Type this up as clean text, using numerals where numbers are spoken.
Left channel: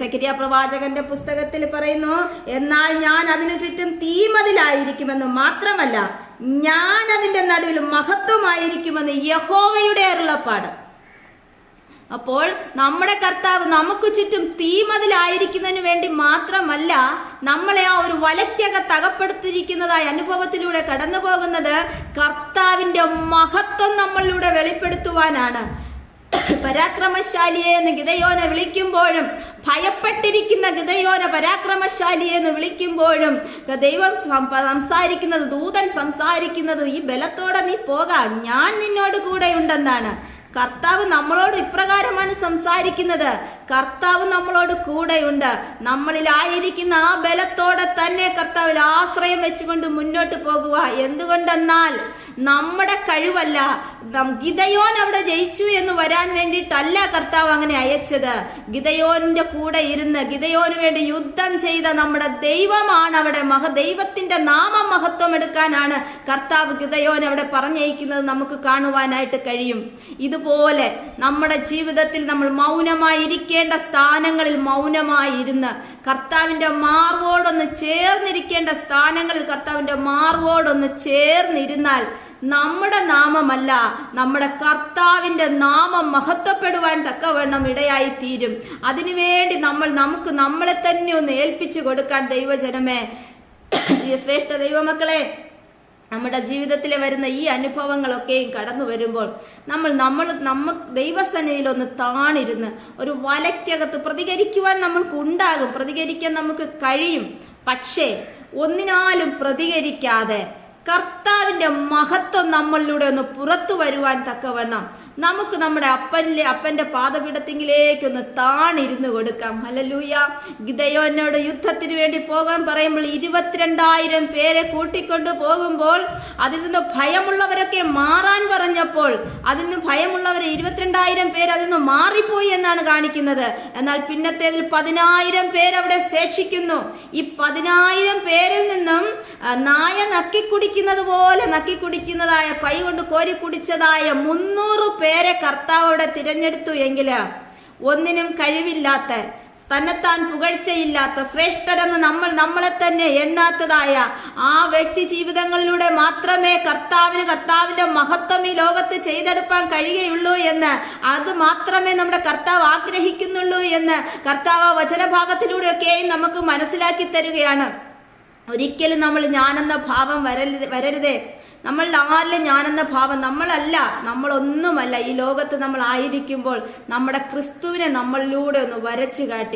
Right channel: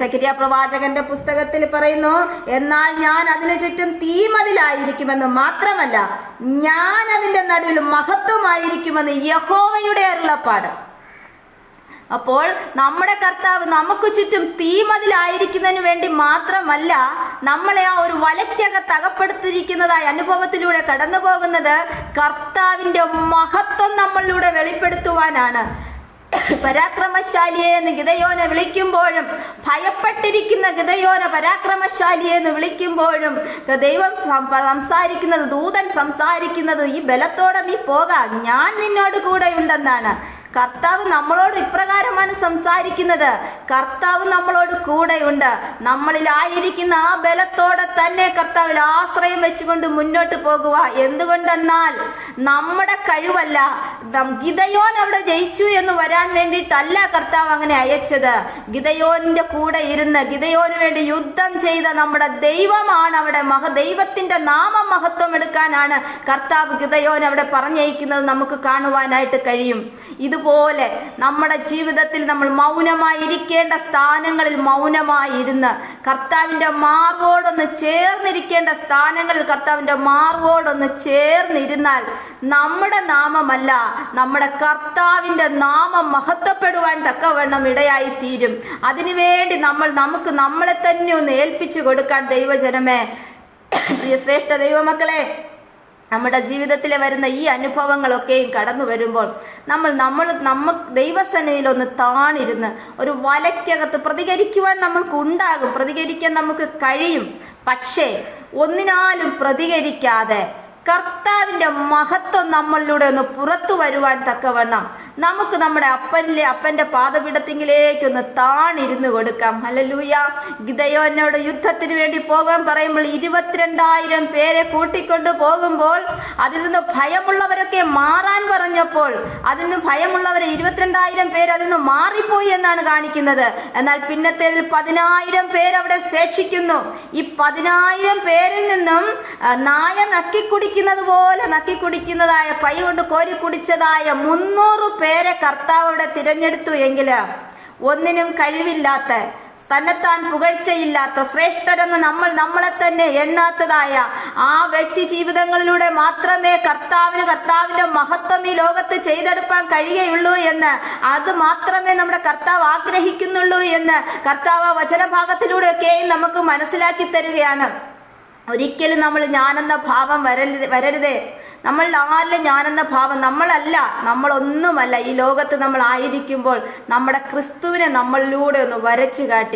സെഖര്യാ പ്രവാചകന്റെ പുസ്തകത്തിൽ പറയുന്നു, എന്നാൽ ഞാൻ അതിനു ചുറ്റും തീമതിലായിരിക്കുമെന്ന് മാത്രമല്ല ഞാൻ അതിന്റെ നടുവിൽ മഹത്വമായിരിക്കുമെന്ന് യഹോവയുടെ അരുളപ്പാട്. അപ്പോൾ നമ്മുടെ കർത്താവ് നമുക്ക് ചുറ്റും തീമതിലായിരിക്കുന്നതിന് വേണ്ടി മാത്രമല്ല നമ്മളെ ആ ഒരു വലയ്ക്കകത്ത് അകപ്പെടുത്തിയിരിക്കുന്നതായ അനുഭവത്തിലൂടെ കടന്നു പോകുന്നത് കർത്താവിന്റെ മഹത്വം നമ്മളിലൂടെ വെളിപ്പെടുത്തുവാനാണ്. പരാക്രമശാലിയെ എന്ന് ഗിദെയോനെ വിളിക്കുമ്പോഴും, ഭയപ്പെട്ടിരിക്കുന്ന ഗിദെയോനെ പരാക്രമശാലിയെ എന്ന് വിളിക്കുമ്പോഴും ദൈവം സംസാരിക്കുന്നത്, ദൂതൻ സംസാരിക്കുന്നത്, ഈ ബലത്തോടെ നീ പോകാം, ഞാൻ നിന്നോട് കൂടെ ഉണ്ടെന്നാണ്. കർത്താവ് നമ്മളോട് ഇപ്രകാരമാണ് സംസാരിക്കുന്നത്. കർത്താവ് നമ്മളോട് കൂടെയുണ്ട്. നമ്മളിലായിരിക്കുന്ന ആ ബലത്തോടെ തന്നെ കർത്താവിൽ ആശ്രയം വെച്ചുകൊണ്ട് മുന്നോട്ട് പോകുക. എന്തുകൊണ്ടെന്നാൽ നമ്മുടെ കഴിവല്ല, ഗിദെയോൻ അവിടെ ജയിച്ചു എന്ന് വരാൻ വേണ്ടിയിട്ടല്ല കർത്താവ് അങ്ങനെ അയച്ചത്. ഗിദെയോന്റെ കൂടെ ഇരുന്ന് ഗിദെയോന് വേണ്ടി യുദ്ധം ചെയ്ത നമ്മുടെ ദൈവമാണ് അവിടെ. ദൈവത്തിന്റെ നാമം മഹത്വം എടുക്കാനാണ് കർത്താവ് ഗിദെയോൻ അവിടെ പറഞ്ഞയക്കുന്നത് നമുക്ക് കാണുവാനായിട്ട് കഴിയും. ഇതുപോലെ നമ്മുടെ ജീവിതത്തിൽ നമ്മൾ മൗനമായിരിക്കേണ്ട സ്ഥാനങ്ങളിൽ മൗനമായിരുന്ന് കർത്താവിന്റെ മാർവോടൊന്ന് ചേർന്നിരിക്കേണ്ട സ്ഥാനങ്ങളിൽ കർത്താവിന്റെ മാർവോടൊന്ന് ചേർന്നിരുന്നാൽ നമ്മുടെ നാമമല്ല, നമ്മുടെ കർത്താവിന്റെ നാമം മഹത്വപ്പെടുവാൻ തക്കവണ്ണം ഇടയായി തീരും. അതിനുവേണ്ടി നമുക്ക് നമ്മളെ തന്നെ ഒന്ന് ഏൽപ്പിച്ചു കൊടുക്കാൻ ദൈവജനമേ, പ്രിയ ശ്രേഷ്ഠ ദൈവമക്കളെ, നമ്മുടെ ജീവിതത്തിൽ വരുന്ന ഈ അനുഭവങ്ങളൊക്കെയും കടന്നു വരുമ്പോൾ നമ്മൾ ദൈവസന്നിധിയിൽ ഒന്ന് താണിരുന്ന് ഒരു വലയ്ക്കകത്ത് പ്രതികരിക്കുവാൻ നമ്മൾക്കുണ്ടാകും, പ്രതികരിക്കാൻ നമുക്ക് കഴിയും. പക്ഷേ ഒന്നിനാലും പ്രതികരിക്കാതെ കർത്താവിന്റെ മഹത്വം നമ്മളിലൂടെ ഒന്ന് പുറത്തു വരുവാൻ തക്കവണ്ണം നമുക്ക് നമ്മുടെ അപ്പന്റെ പാദപീഠത്തിങ്കിലേക്ക് ഒന്ന് താണിരുന്ന് കൊടുക്കാം. ഹല്ലേലൂയ. ഗിദെയോനോട് യുദ്ധത്തിന് വേണ്ടി പോകാൻ പറയുമ്പോൾ 22,000 പേരെ കൂട്ടിക്കൊണ്ട് പോകുമ്പോൾ അതിൽ നിന്ന് ഭയമുള്ളവരൊക്കെ മാറാൻ പറഞ്ഞപ്പോൾ അതിൽ നിന്ന് ഭയമുള്ളവരെ 22,000 പേര് അതിൽ നിന്ന് മാറിപ്പോയി എന്നാണ് കാണിക്കുന്നത്. എന്നാൽ പിന്നത്തേതിൽ 10,000 പേരവിടെ ശേഷിക്കുന്നു. ഈ 10,000 പേരിൽ നിന്നും നായ നക്കിക്കുടിക്കുന്നത് പോലെ നക്കിക്കുടിക്കുന്നതായ കൈ കൊണ്ട് കോരി കുടിച്ചതായ 300 പേരെ കർത്താവ് അവിടെ തിരഞ്ഞെടുത്തു. എങ്കില് ഒന്നിനും കഴിവില്ലാത്ത, തന്നെത്താൻ പുകഴ്ചയില്ലാത്ത, ശ്രേഷ്ഠരെന്ന് നമ്മളെ തന്നെ എണ്ണാത്തതായ ആ വ്യക്തി ജീവിതങ്ങളിലൂടെ മാത്രമേ കർത്താവിന്റെ മഹത്വം ഈ ലോകത്ത് ചെയ്തെടുക്കാൻ കഴിയുകയുള്ളൂ എന്ന്, അത് മാത്രമേ നമ്മുടെ കർത്താവ് ആഗ്രഹിക്കുന്നുള്ളൂ എന്ന് കർത്താവ് വചനഭാഗത്തിലൂടെയൊക്കെയും നമുക്ക് മനസ്സിലാക്കി തരികയാണ്. ഒരിക്കലും നമ്മൾ ഞാനെന്ന ഭാവം വരരുതേ. നമ്മളുടെ ആരിലും ഞാനെന്ന ഭാവം നമ്മളല്ല, നമ്മളൊന്നുമല്ല. ഈ ലോകത്ത് നമ്മൾ ആയിരിക്കുമ്പോൾ നമ്മുടെ ക്രിസ്തുവിനെ നമ്മളിലൂടെ ഒന്ന് വരച്ചു കാട്ടി